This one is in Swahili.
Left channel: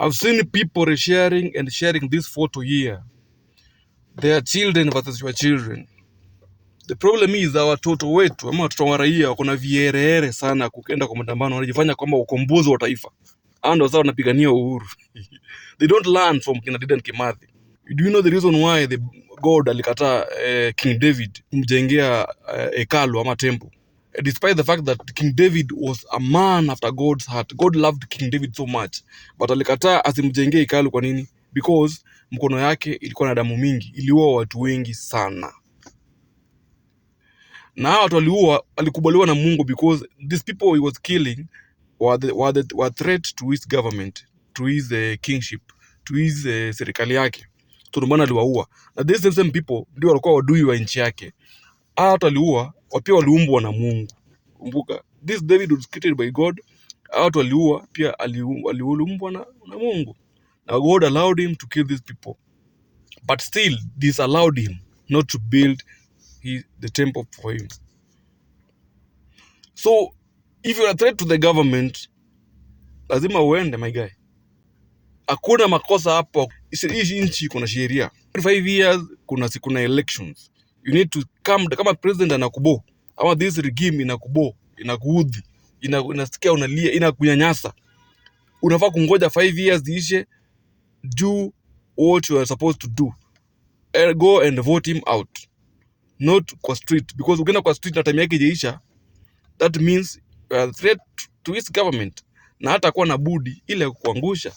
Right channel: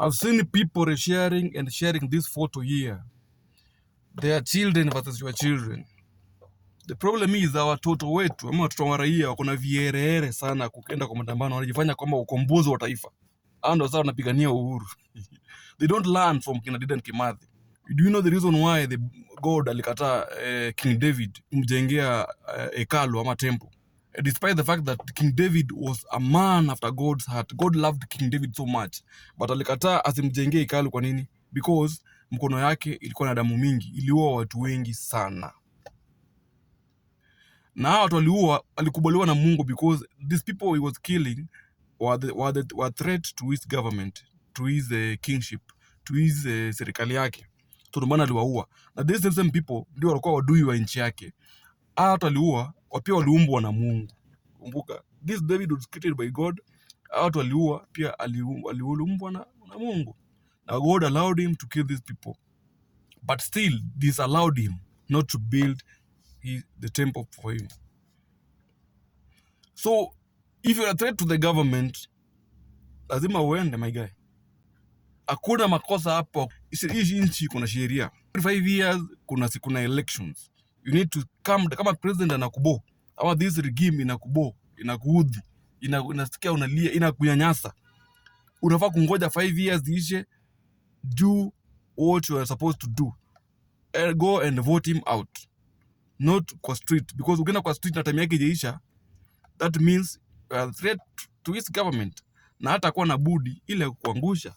I've seen people resharing and sharing this photo here. Their children versus your children. The problem is watoto wetu ama watoto wa raia wako na vierehere sana kukenda kwa maandamano, wanajifanya kwamba ukombozi wa taifa. Ando sasa wanapigania uhuru. They don't learn from kina Dedan Kimathi. Do you know the reason why the God alikataa King David kumjengea hekalu ama temple? Despite the fact that King David was a man after God's heart. God loved King David so much. But alikataa asimjengee hekalu. Kwa nini? Because mkono yake ilikuwa na damu mingi, iliua watu wengi sana. Na hao watu waliua, alikubaliwa na Mungu because these people he was killing were threat to his government, to his kingship, to his serikali yake. So ndio maana aliwaua. Na these same people ndio walikuwa wadui wa nchi yake. Hao watu waliua, pia waliumbwa na Mungu. Kumbuka, this David was created by God. Hao watu waliua, pia aliumbwa na Mungu. Now God allowed him to kill these people. But still disallowed him not to build the temple for him. So if you're a threat to the government, lazima uende, my guy. Hakuna makosa hapo. Hii nchi kuna sheria. 5 years kuna elections. You need to come, kama president anakubo ama this regime inakubo, inakuudhi, inasikia unalia, inakunyanyasa, unafaa kungoja 5 years ishe, do what you are supposed to do. Go and vote him out. Not kwa street, because ukienda kwa street na time yake ijaisha, that means you are a threat to his government, na hata kuwa na budi ile kuangusha.